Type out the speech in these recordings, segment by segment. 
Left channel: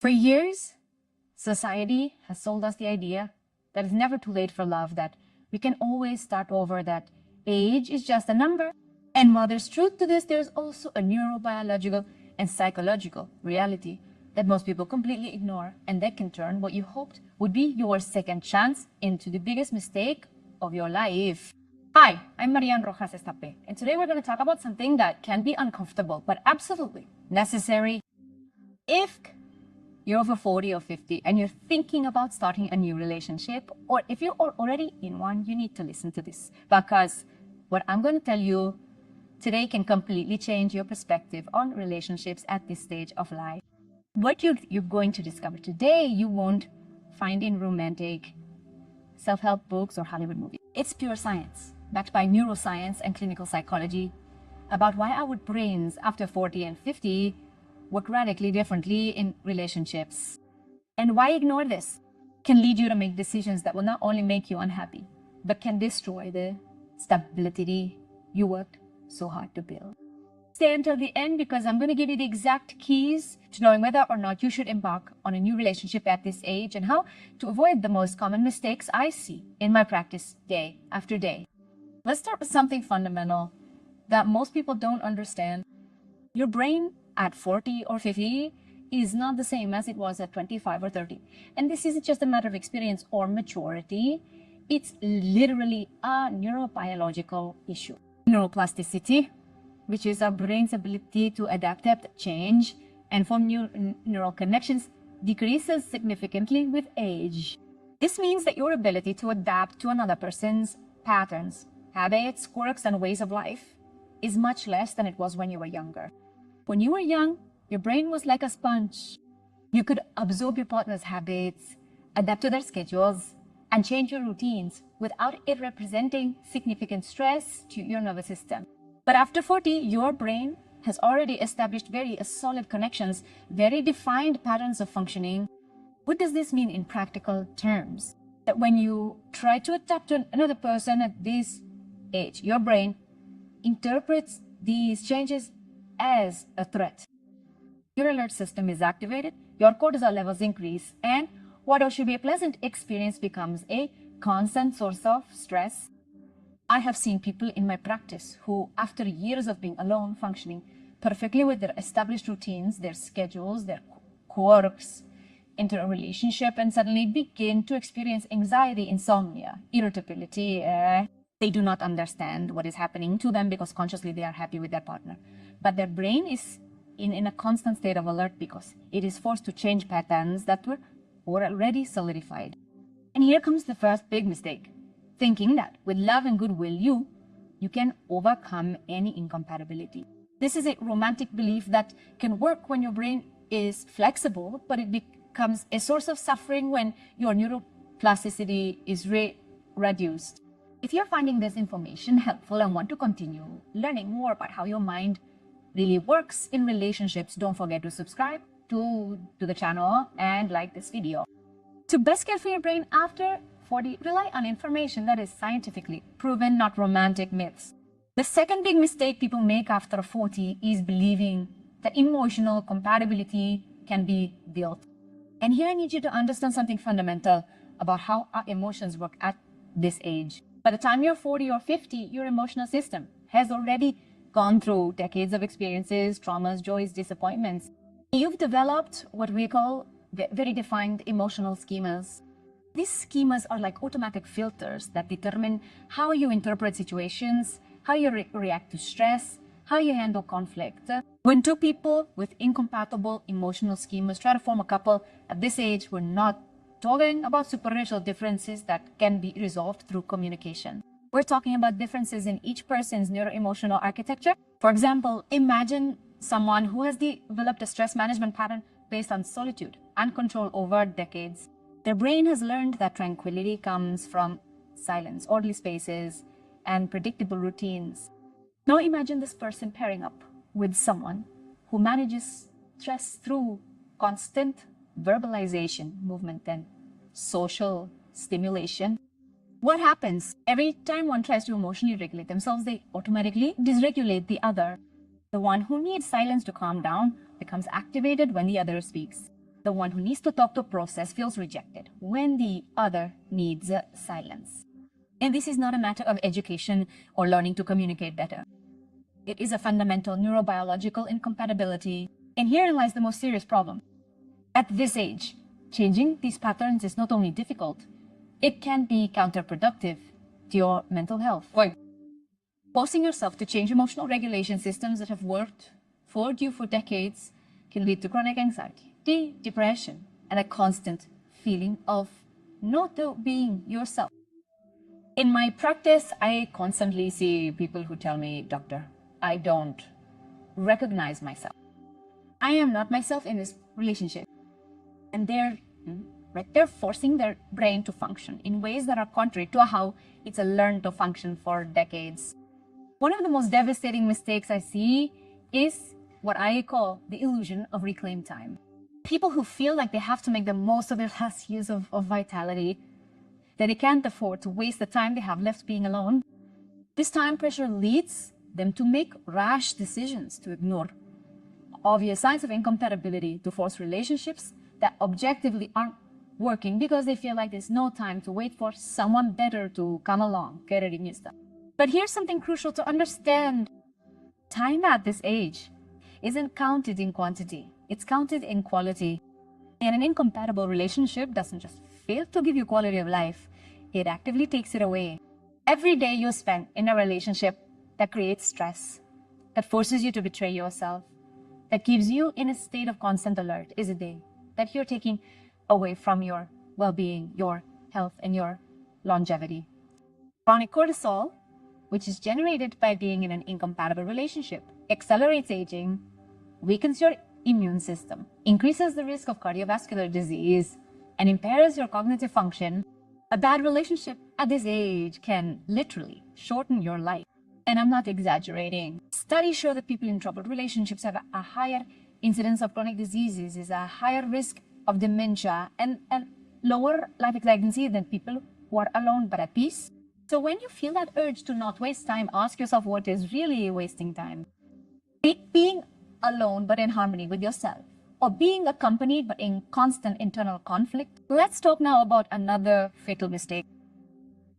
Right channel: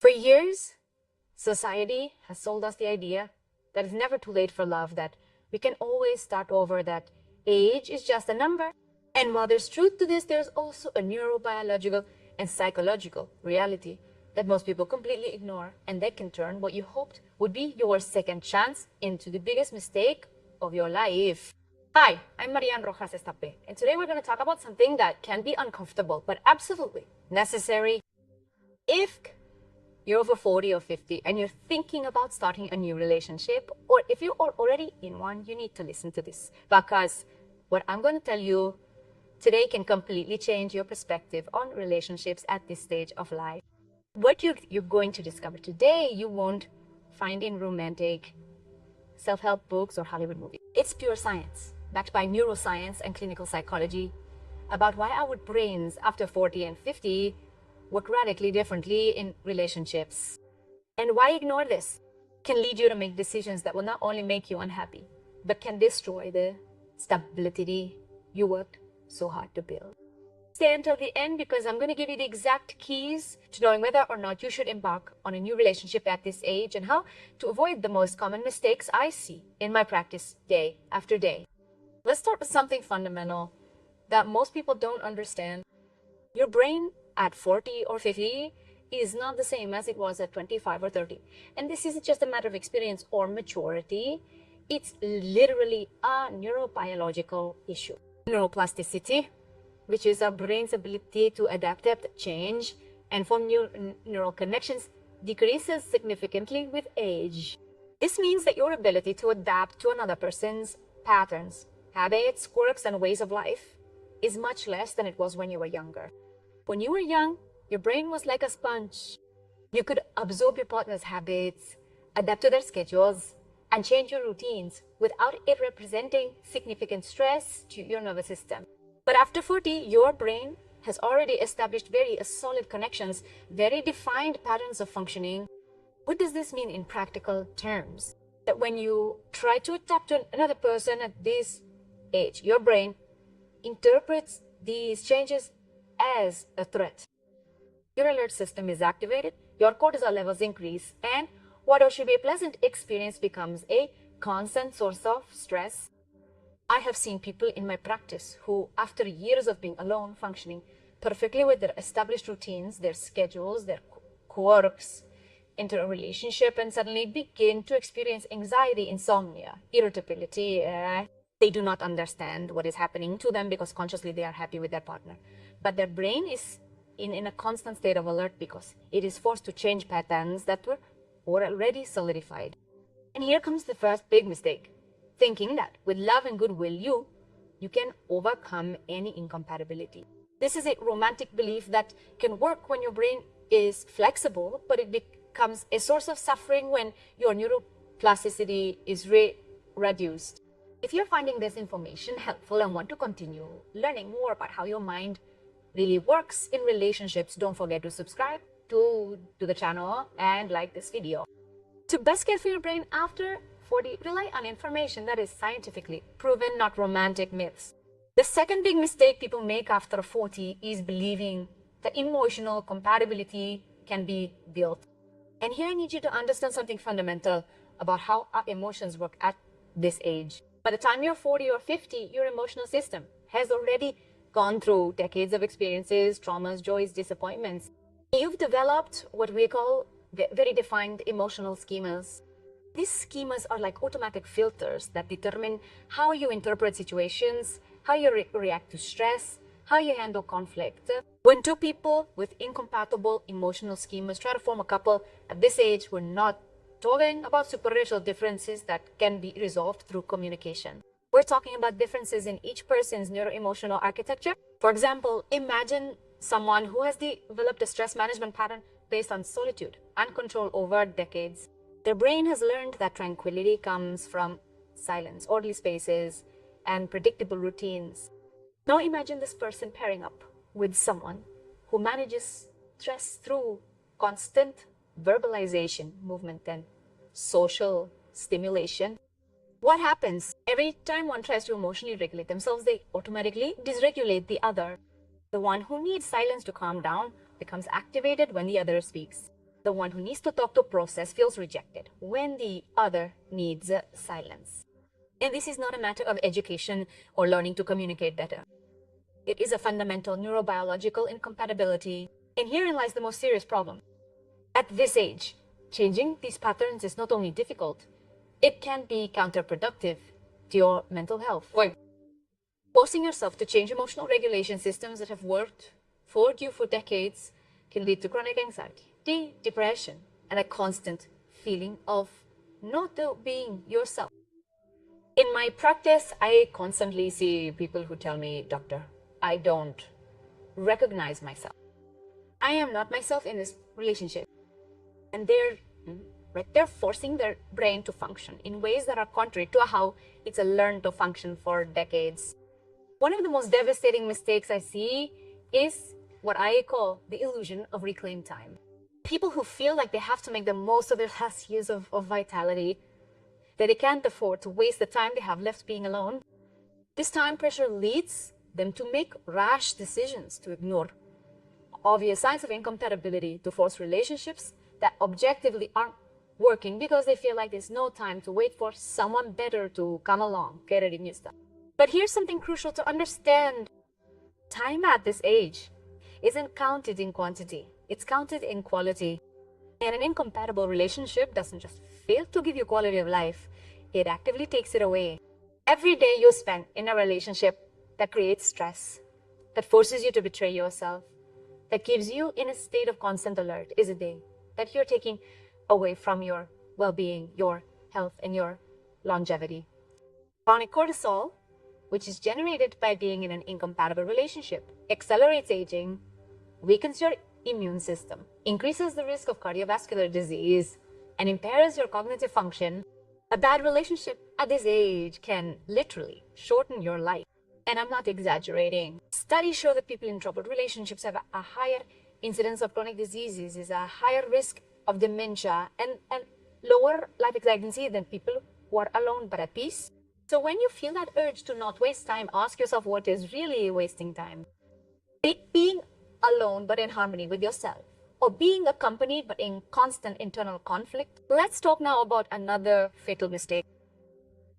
For years, society has sold us the idea that it's never too late for love, that we can always start over, that age is just a number. And while there's truth to this, there's also a neurobiological and psychological reality that most people completely ignore, and that can turn what you hoped would be your second chance into the biggest mistake of your life. Hi, I'm Marian Rojas Estapé, and today we're going to talk about something that can be uncomfortable, but absolutely necessary. If you're over 40 or 50 and you're thinking about starting a new relationship, or if you are already in one, you need to listen to this, because what I'm going to tell you today can completely change your perspective on relationships at this stage of life. What you're going to discover today, you won't find in romantic self-help books or Hollywood movies. It's pure science, backed by neuroscience and clinical psychology, about why our brains after 40 and 50 work radically differently in relationships. And why ignore this can lead you to make decisions that will not only make you unhappy, but can destroy the stability you worked so hard to build. Stay until the end, because I'm going to give you the exact keys to knowing whether or not you should embark on a new relationship at this age, and how to avoid the most common mistakes I see in my practice day after day. Let's start with something fundamental that most people don't understand. Your brain at 40 or 50 is not the same as it was at 25 or 30. And this isn't just a matter of experience or maturity. It's literally a neurobiological issue. Neuroplasticity, which is our brain's ability to adapt to change and form new neural connections, decreases significantly with age. This means that your ability to adapt to another person's patterns, habits, quirks, and ways of life is much less than it was when you were younger. When you were young, your brain was like a sponge. You could absorb your partner's habits, adapt to their schedules, and change your routines without it representing significant stress to your nervous system. But after 40, your brain has already established very solid connections, very defined patterns of functioning. What does this mean in practical terms? That when you try to adapt to another person at this age, your brain interprets these changes as a threat. Your alert system is activated, your cortisol levels increase, and what should be a pleasant experience becomes a constant source of stress. I have seen people in my practice who, after years of being alone, functioning perfectly with their established routines, their schedules, their quirks, enter a relationship and suddenly begin to experience anxiety, insomnia, irritability. They do not understand what is happening to them, because consciously they are happy with their partner. But their brain is in a constant state of alert because it is forced to change patterns that were already solidified. And here comes the first big mistake. Thinking that with love and goodwill you can overcome any incompatibility. This is a romantic belief that can work when your brain is flexible, but it becomes a source of suffering when your neuroplasticity is reduced. If you're finding this information helpful and want to continue learning more about how your mind really works in relationships, don't forget to subscribe to the channel and like this video. To best care for your brain after 40, rely on information that is scientifically proven, not romantic myths. The second big mistake people make after 40 is believing that emotional compatibility can be built. And here I need you to understand something fundamental about how our emotions work at this age. By the time you're 40 or 50, your emotional system has already gone through decades of experiences, traumas, joys, disappointments. You've developed what we call very defined emotional schemas. These schemas are like automatic filters that determine how you interpret situations, how you react to stress, how you handle conflict. When two people with incompatible emotional schemas try to form a couple at this age, we're not talking about superficial differences that can be resolved through communication. We're talking about differences in each person's neuroemotional architecture. For example, imagine someone who has developed a stress management pattern based on solitude and control over decades. Their brain has learned that tranquility comes from silence, orderly spaces, and predictable routines. Now imagine this person pairing up with someone who manages stress through constant verbalization, movement, and social stimulation. What happens? Every time one tries to emotionally regulate themselves, they automatically dysregulate the other. The one who needs silence to calm down becomes activated when the other speaks. the one who needs to talk to process feels rejected when the other needs silence. And this is not a matter of education or learning to communicate better. It is a fundamental neurobiological incompatibility. And herein lies the most serious problem. At this age, changing these patterns is not only difficult, it can be counterproductive to your mental health. Forcing yourself to change emotional regulation systems that have worked for you for decades can lead to chronic anxiety, depression, and a constant feeling of not being yourself. In my practice, I constantly see people who tell me, "Doctor, I don't recognize myself. I am not myself in this relationship." And they're forcing their brain to function in ways that are contrary to how it's learned to function for decades. One of the most devastating mistakes I see is what I call the illusion of reclaimed time. People who feel like they have to make the most of their last years of vitality, that they can't afford to waste the time they have left being alone. This time pressure leads them to make rash decisions, to ignore obvious signs of incompatibility, to force relationships that objectively aren't working because they feel like there's no time to wait for someone better to come along, querer y stuff. But here's something crucial to understand. Time at this age isn't counted in quantity, it's counted in quality. And an incompatible relationship doesn't just fail to give you quality of life, it actively takes it away. Every day you spend in a relationship that creates stress, that forces you to betray yourself, that keeps you in a state of constant alert is a day that you're taking away from your well-being, your health, and your longevity. Chronic cortisol, which is generated by being in an incompatible relationship, accelerates aging, weakens your immune system, increases the risk of cardiovascular disease, and impairs your cognitive function. A bad relationship at this age can literally shorten your life. And I'm not exaggerating. Studies show that people in troubled relationships have a higher incidence of chronic diseases, is a higher risk of dementia, and lower life expectancy than people who are alone but at peace. So when you feel that urge to not waste time, ask yourself what is really wasting time. Being alone but in harmony with yourself, or being accompanied but in constant internal conflict. Let's talk now about another fatal mistake:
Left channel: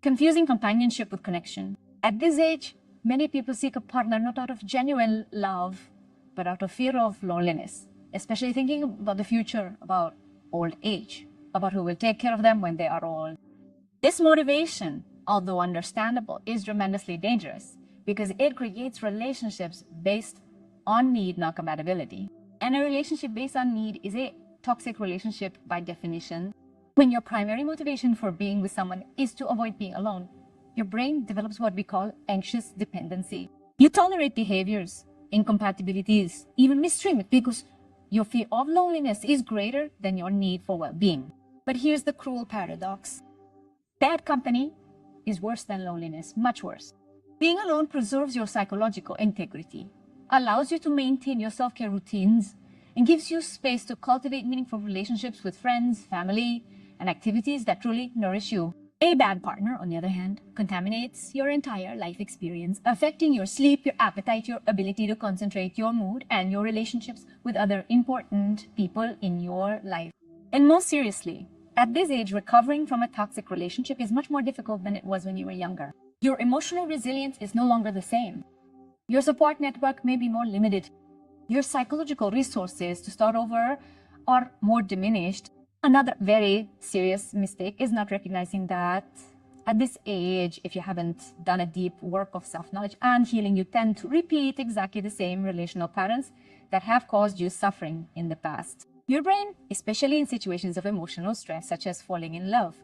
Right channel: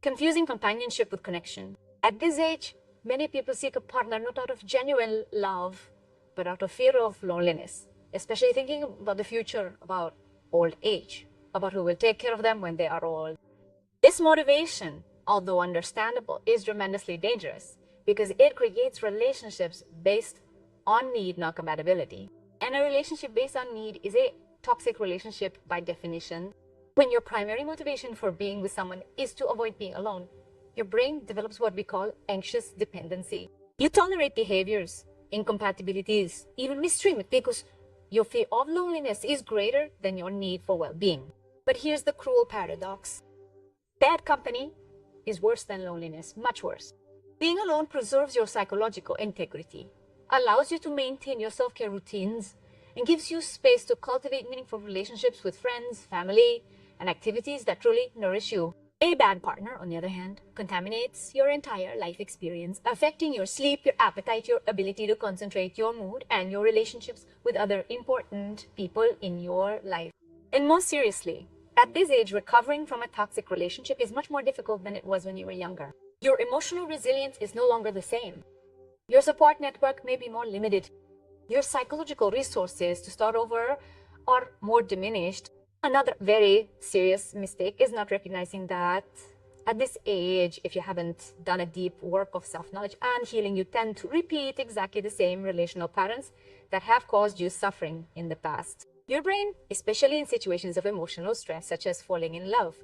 confusing companionship with connection. At this age, many people seek a partner not out of genuine love, but out of fear of loneliness, especially thinking about the future, about old age, about who will take care of them when they are old. This motivation, although understandable, is tremendously dangerous because it creates relationships based on need, not compatibility. And a relationship based on need is a toxic relationship by definition. When your primary motivation for being with someone is to avoid being alone, your brain develops what we call anxious dependency. You tolerate behaviors, incompatibilities, even mistreatment because your fear of loneliness is greater than your need for well-being. But here's the cruel paradox. Bad company is worse than loneliness, much worse. Being alone preserves your psychological integrity, allows you to maintain your self-care routines, and gives you space to cultivate meaningful relationships with friends, family, and activities that truly nourish you. A bad partner, on the other hand, contaminates your entire life experience, affecting your sleep, your appetite, your ability to concentrate, your mood, and your relationships with other important people in your life. And most seriously, at this age, recovering from a toxic relationship is much more difficult than it was when you were younger. Your emotional resilience is no longer the same. Your support network may be more limited. Your psychological resources to start over are more diminished. Another very serious mistake is not recognizing that at this age, if you haven't done a deep work of self-knowledge and healing, you tend to repeat exactly the same relational patterns that have caused you suffering in the past. Your brain, especially in situations of emotional stress, such as falling in love,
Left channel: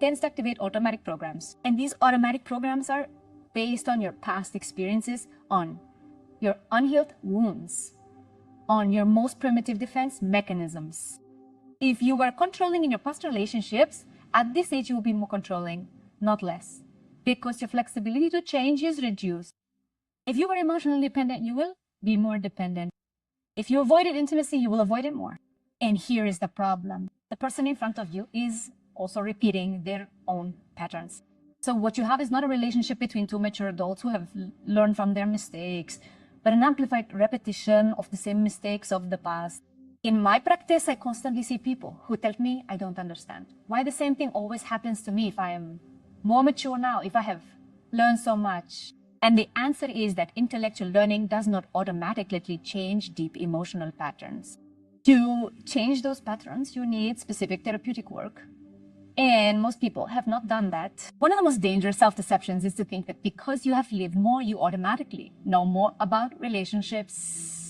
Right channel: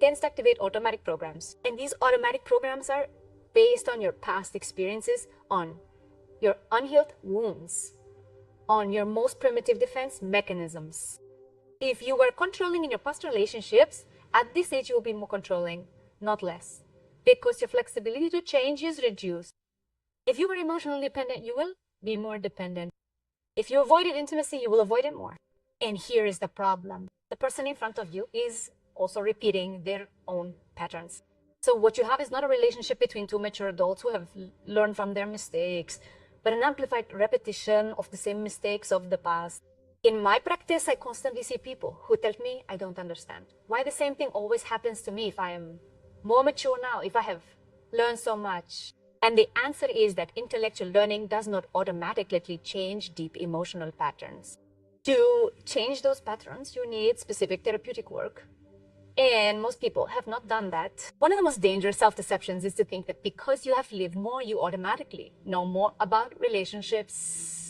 tends to activate automatic programs. And these automatic programs are based on your past experiences, on your unhealed wounds, on your most primitive defense mechanisms. If you were controlling in your past relationships, at this age you will be more controlling, not less, because your flexibility to change is reduced. If you were emotionally dependent, you will be more dependent. If you avoided intimacy, you will avoid it more. And here is the problem. The person in front of you is also repeating their own patterns. So what you have is not a relationship between two mature adults who have learned from their mistakes, but an amplified repetition of the same mistakes of the past. In my practice, I constantly see people who tell me I don't understand why the same thing always happens to me if I am more mature now, if I have learned so much. And the answer is that intellectual learning does not automatically change deep emotional patterns. To change those patterns, you need specific therapeutic work. And most people have not done that. One of the most dangerous self-deceptions is to think that because you have lived more, you automatically know more about relationships.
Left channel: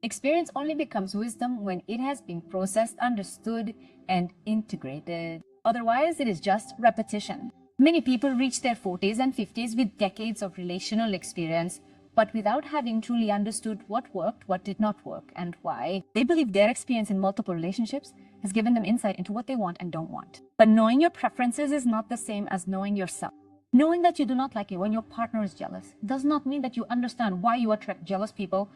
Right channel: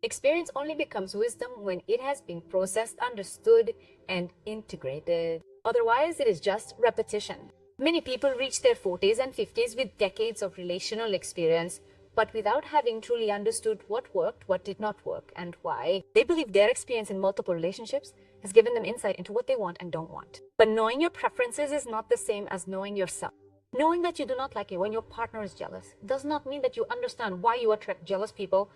Experience only becomes wisdom when it has been processed, understood, and integrated. Otherwise, it is just repetition. Many people reach their 40s and 50s with decades of relational experience, but without having truly understood what worked, what did not work, and why. They believe their experience in multiple relationships has given them insight into what they want and don't want. But knowing your preferences is not the same as knowing yourself. Knowing that you do not like it when your partner is jealous does not mean that you understand why you attract jealous people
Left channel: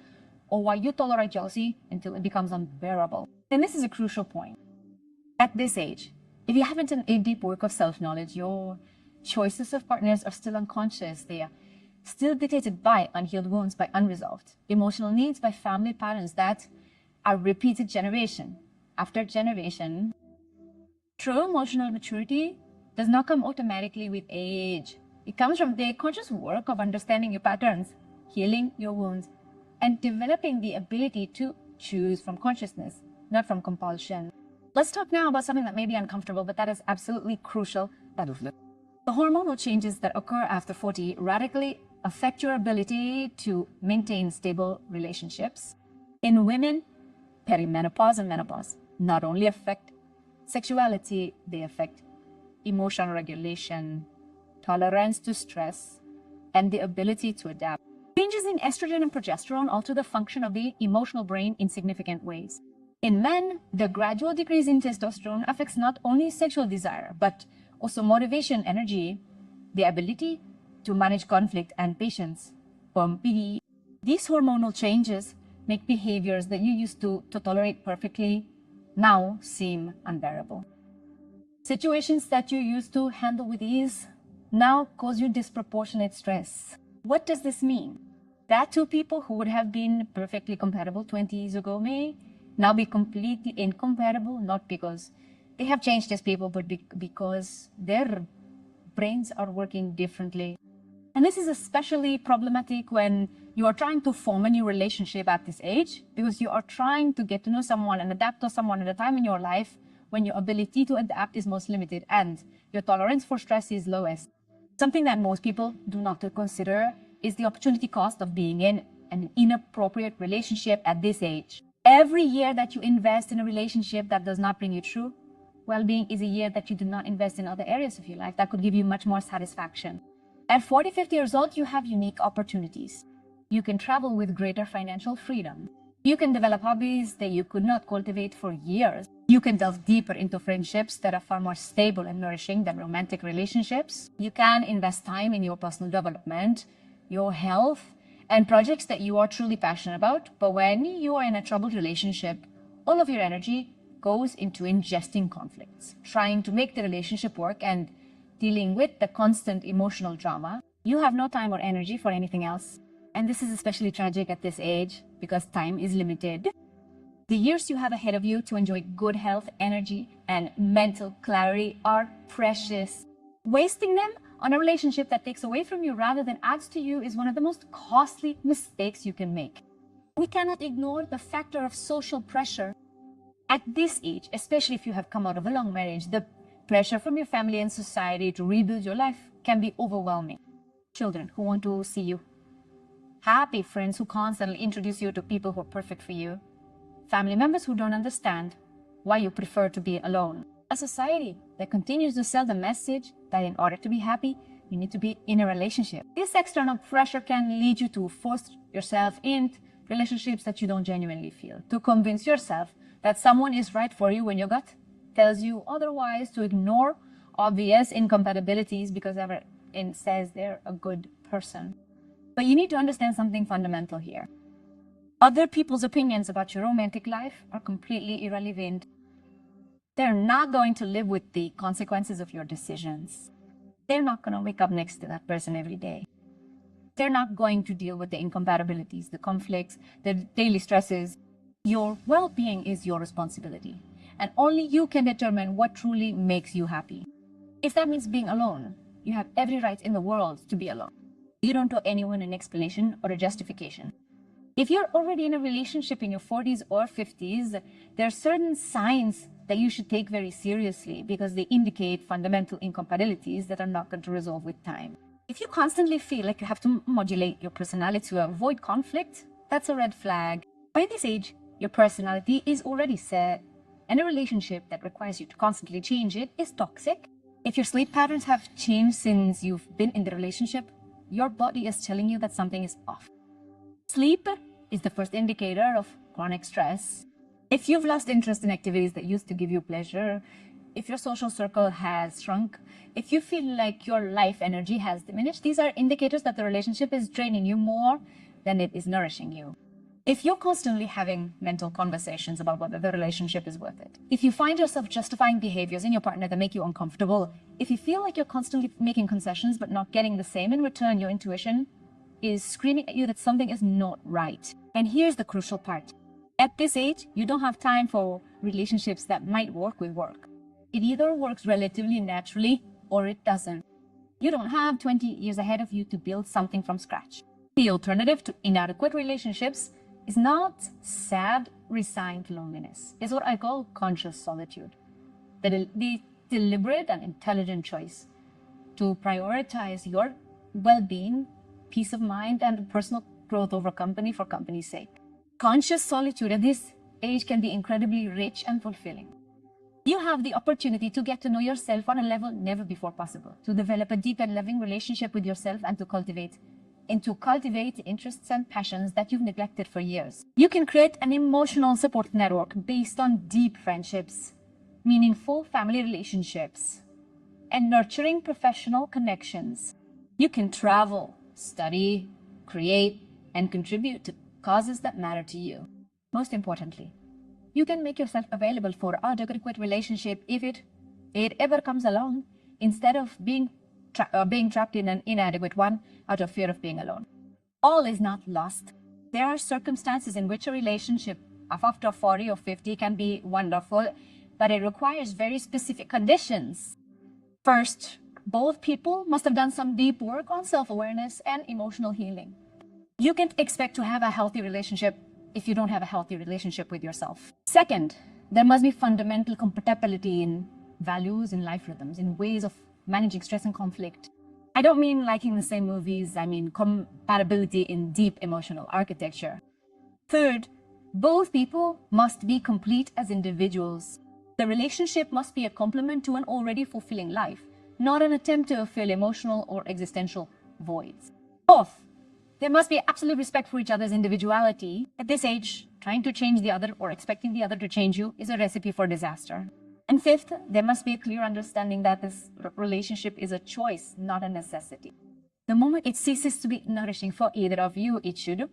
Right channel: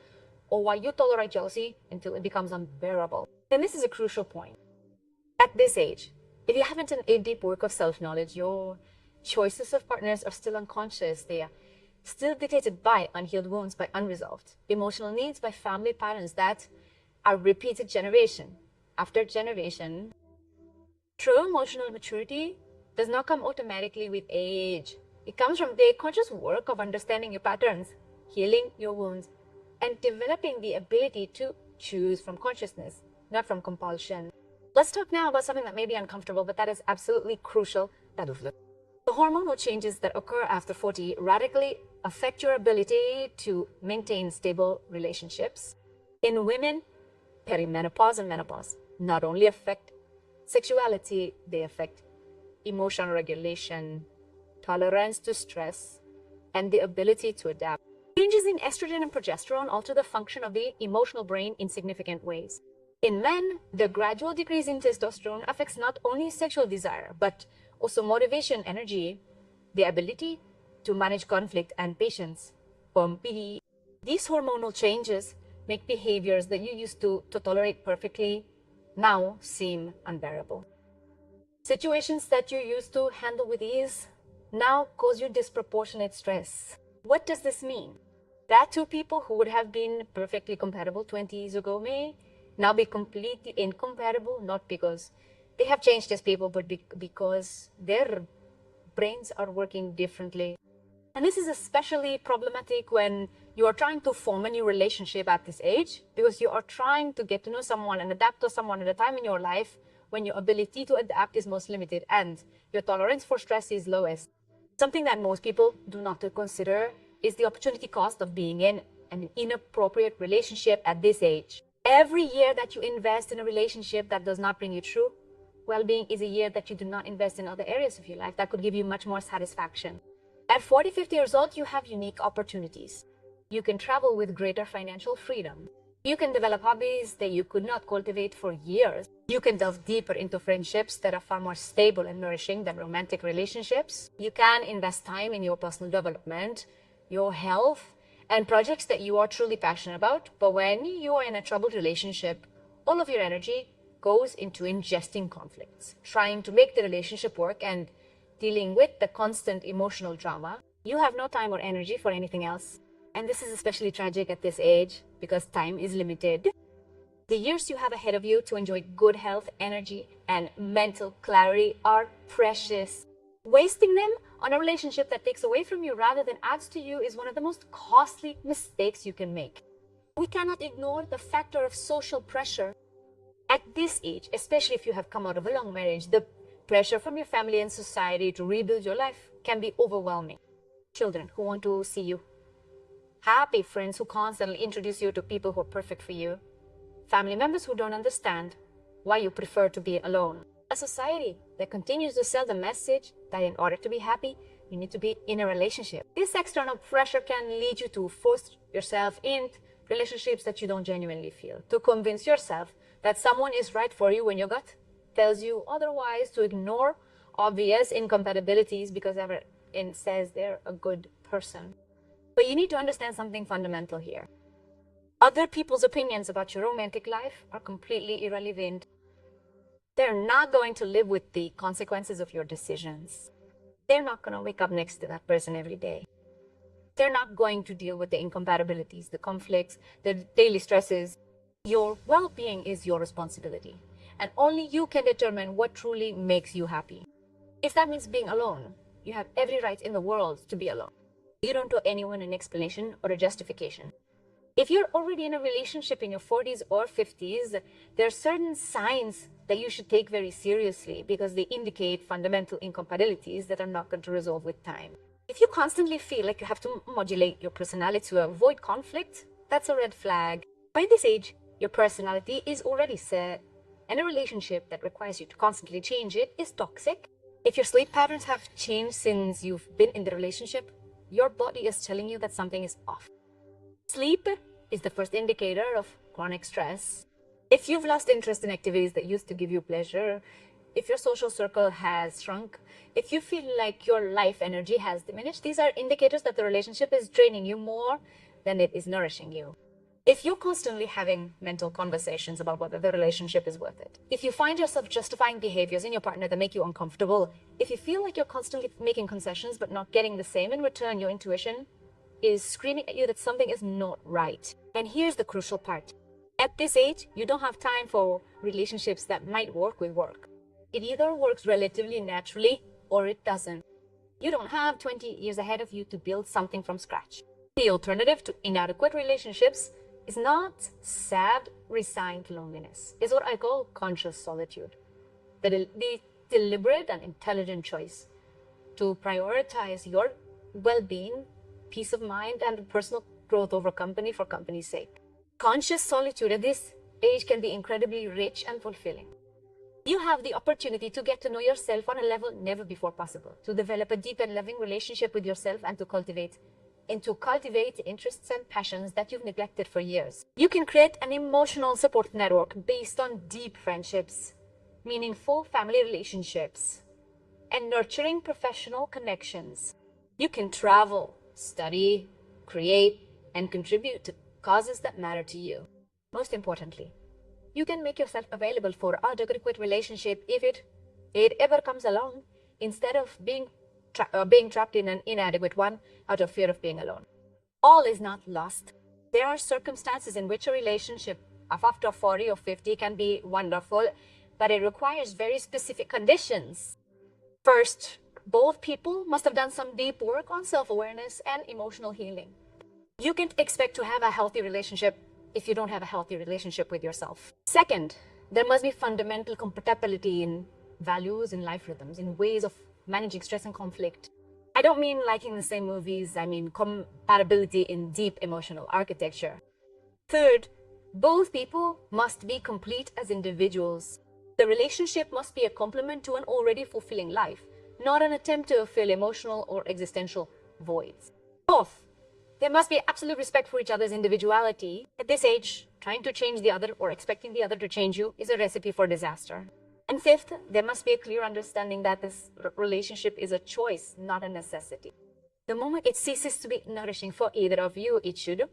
or why you tolerate jealousy until it becomes unbearable. And this is a crucial point. At this age, if you haven't done a deep work of self-knowledge, your choices of partners are still unconscious. They are still dictated by unhealed wounds, by unresolved emotional needs, by family patterns that are repeated generation after generation. True emotional maturity does not come automatically with age. It comes from the conscious work of understanding your patterns, healing your wounds, and developing the ability to choose from consciousness, not from compulsion. Let's talk now about something that may be uncomfortable, but that is absolutely crucial. The hormonal changes that occur after 40 radically affect your ability to maintain stable relationships. In women, perimenopause and menopause not only affect sexuality, they affect emotional regulation, tolerance to stress, and the ability to adapt. Changes in estrogen and progesterone alter the function of the emotional brain in significant ways. In men, the gradual decrease in testosterone affects not only sexual desire, but also motivation, energy, the ability to manage conflict, and patience. These hormonal changes make behaviors that you used to tolerate perfectly now seem unbearable. Situations that you used to handle with ease now cause you disproportionate stress. What does this mean? That two people who would have been perfectly compatible 20 years ago may now be completely incompatible, not because they have changed as people, but because their brains are working differently. And this is especially problematic when you are trying to form a new relationship at this age, because you are trying to get to know someone and adapt to someone at a time in your life when your ability to adapt is most limited and your tolerance for stress is lowest. Something that most people do not consider is the opportunity cost of being in an inappropriate relationship at this age. Every year that you invest in a relationship that does not bring you true well-being is a year that you do not invest in other areas of your life that could give you much more satisfaction. At 40, 50 years old, you have unique opportunities. You can travel with greater financial freedom. You can develop hobbies that you could not cultivate for years. You can delve deeper into friendships that are far more stable and nourishing than romantic relationships. You can invest time in your personal development, your health, and projects that you are truly passionate about. But when you are in a troubled relationship, all of your energy goes into ingesting conflicts, trying to make the relationship work and dealing with the constant emotional drama. You have no time or energy for anything else. And this is especially tragic at this age because time is limited. The years you have ahead of you to enjoy good health, energy, and mental clarity are precious. Wasting them on a relationship that takes away from you rather than adds to you is one of the most costly mistakes you can make. We cannot ignore the factor of social pressure. At this age, especially if you have come out of a long marriage, the pressure from your family and society to rebuild your life can be overwhelming. Children who want to see you happy, friends who constantly introduce you to people who are perfect for you, family members who don't understand why you prefer to be alone, a society that continues to sell the message that in order to be happy, you need to be in a relationship. This external pressure can lead you to force yourself in relationships that you don't genuinely feel, to convince yourself that someone is right for you when your gut tells you otherwise, to ignore obvious incompatibilities because everyone says they're a good person. But you need to understand something fundamental here. Other people's opinions about your romantic life are completely irrelevant. They're not going to live with the consequences of your decisions. They're not going to wake up next to that person every day. They're not going to deal with the incompatibilities, the conflicts, the daily stresses. Your well-being is your responsibility, and only you can determine what truly makes you happy. If that means being alone, you have every right in the world to be alone. You don't owe anyone an explanation or a justification. If you're already in a relationship in your 40s or 50s, there are certain signs that you should take very seriously because they indicate fundamental incompatibilities that are not going to resolve with time. If you constantly feel like you have to modulate your personality to avoid conflict, that's a red flag. By this age, your personality is already set, and a relationship that requires you to constantly change it is toxic. If your sleep patterns have changed since you've been in the relationship, your body is telling you that something is off. Sleep is the first indicator of chronic stress. If you've lost interest in activities that used to give you pleasure, if your social circle has shrunk, if you feel like your life energy has diminished, these are indicators that the relationship is draining you more than it is nourishing you. If you're constantly having mental conversations about whether the relationship is worth it, if you find yourself justifying behaviors in your partner that make you uncomfortable, if you feel like you're constantly making concessions but not getting the same in return, your intuition is screaming at you that something is not right. And here's the crucial part. At this age, you don't have time for relationships that might work with work. It either works relatively naturally or it doesn't. You don't have 20 years ahead of you to build something from scratch. The alternative to inadequate relationships is not sad, resigned loneliness. It's what I call conscious solitude. The deliberate and intelligent choice to prioritize your well-being, peace of mind, and personal growth over company for company's sake. Conscious solitude at this age can be incredibly rich and fulfilling. You have the opportunity to get to know yourself on a level never before possible, to develop a deep and loving relationship with yourself and to cultivate interests and passions that you've neglected for years. You can create an emotional support network based on deep friendships, meaningful family relationships, and nurturing professional connections. You can travel, study, create, and contribute to causes that matter to you. Most importantly, you can make yourself available for an adequate relationship if it ever comes along, instead of being trapped in an inadequate one out of fear of being alone. All is not lost. There are circumstances in which a relationship of after 40 or 50 can be wonderful, but it requires very specific conditions. First, both people must have done some deep work on self-awareness and emotional healing. You can't expect to have a healthy relationship if you don't have a healthy relationship with yourself. Second, there must be fundamental compatibility in values, in life rhythms, in ways of managing stress and conflict. I don't mean liking the same movies, I mean compatibility in deep emotional architecture. Third, both people must be complete as individuals. The relationship must be a complement to an already fulfilling life, not an attempt to fill emotional or existential voids. Fourth, there must be absolute respect for each other's individuality. At this age, trying to change the other or expecting the other to change you is a recipe for disaster. And fifth, there must be a clear understanding that this relationship is a choice, not a necessity. The moment it ceases to be nourishing for either of you, it should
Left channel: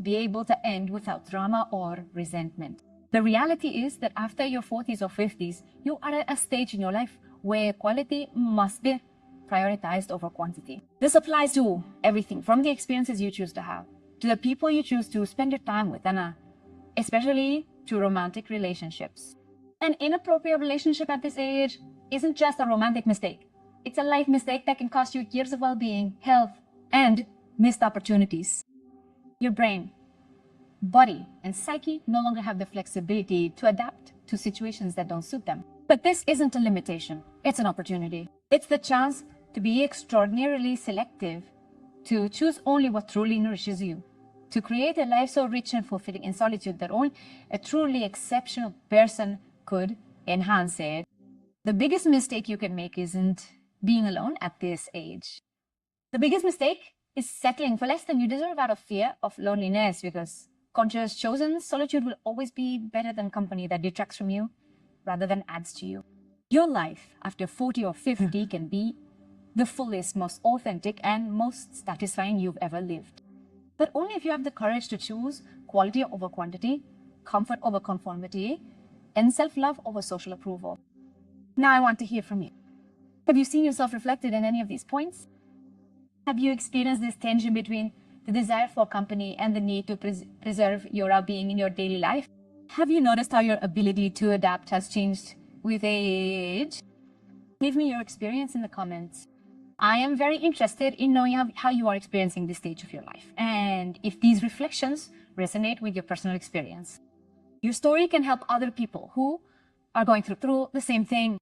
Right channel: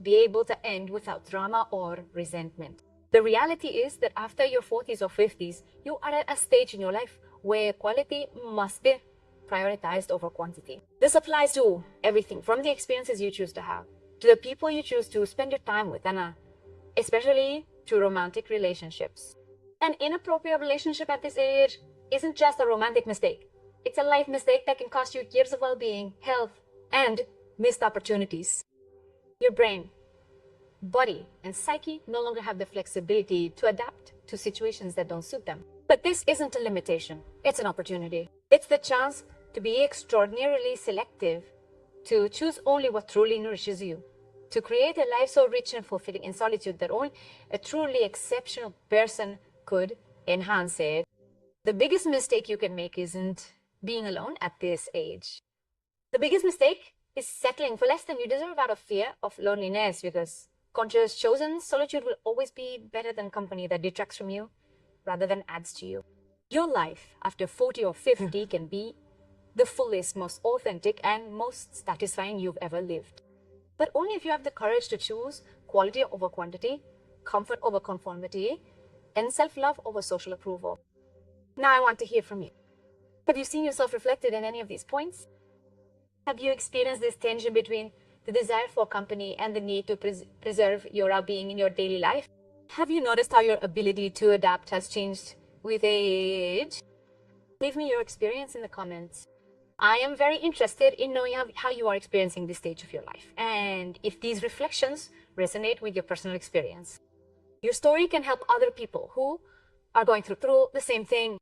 be able to end without drama or resentment. The reality is that after your 40s or 50s, you are at a stage in your life where quality must be prioritized over quantity. This applies to everything from the experiences you choose to have, to the people you choose to spend your time with, and especially to romantic relationships. An inappropriate relationship at this age isn't just a romantic mistake. It's a life mistake that can cost you years of well-being, health, and missed opportunities. Your brain, body, and psyche no longer have the flexibility to adapt to situations that don't suit them. But this isn't a limitation, it's an opportunity. It's the chance to be extraordinarily selective, to choose only what truly nourishes you, to create a life so rich and fulfilling in solitude that only a truly exceptional person could enhance it. The biggest mistake you can make isn't being alone at this age. The biggest mistake is settling for less than you deserve out of fear of loneliness, because conscious chosen solitude will always be better than company that detracts from you rather than adds to you. Your life after 40 or 50 can be the fullest, most authentic, and most satisfying you've ever lived. But only if you have the courage to choose quality over quantity, comfort over conformity, and self-love over social approval. Now I want to hear from you. Have you seen yourself reflected in any of these points? Have you experienced this tension between the desire for company, and the need to preserve your well-being in your daily life? Have you noticed how your ability to adapt has changed with age? Leave me your experience in the comments. I am very interested in knowing how you are experiencing this stage of your life, and if these reflections resonate with your personal experience. Your story can help other people who are going through the same thing.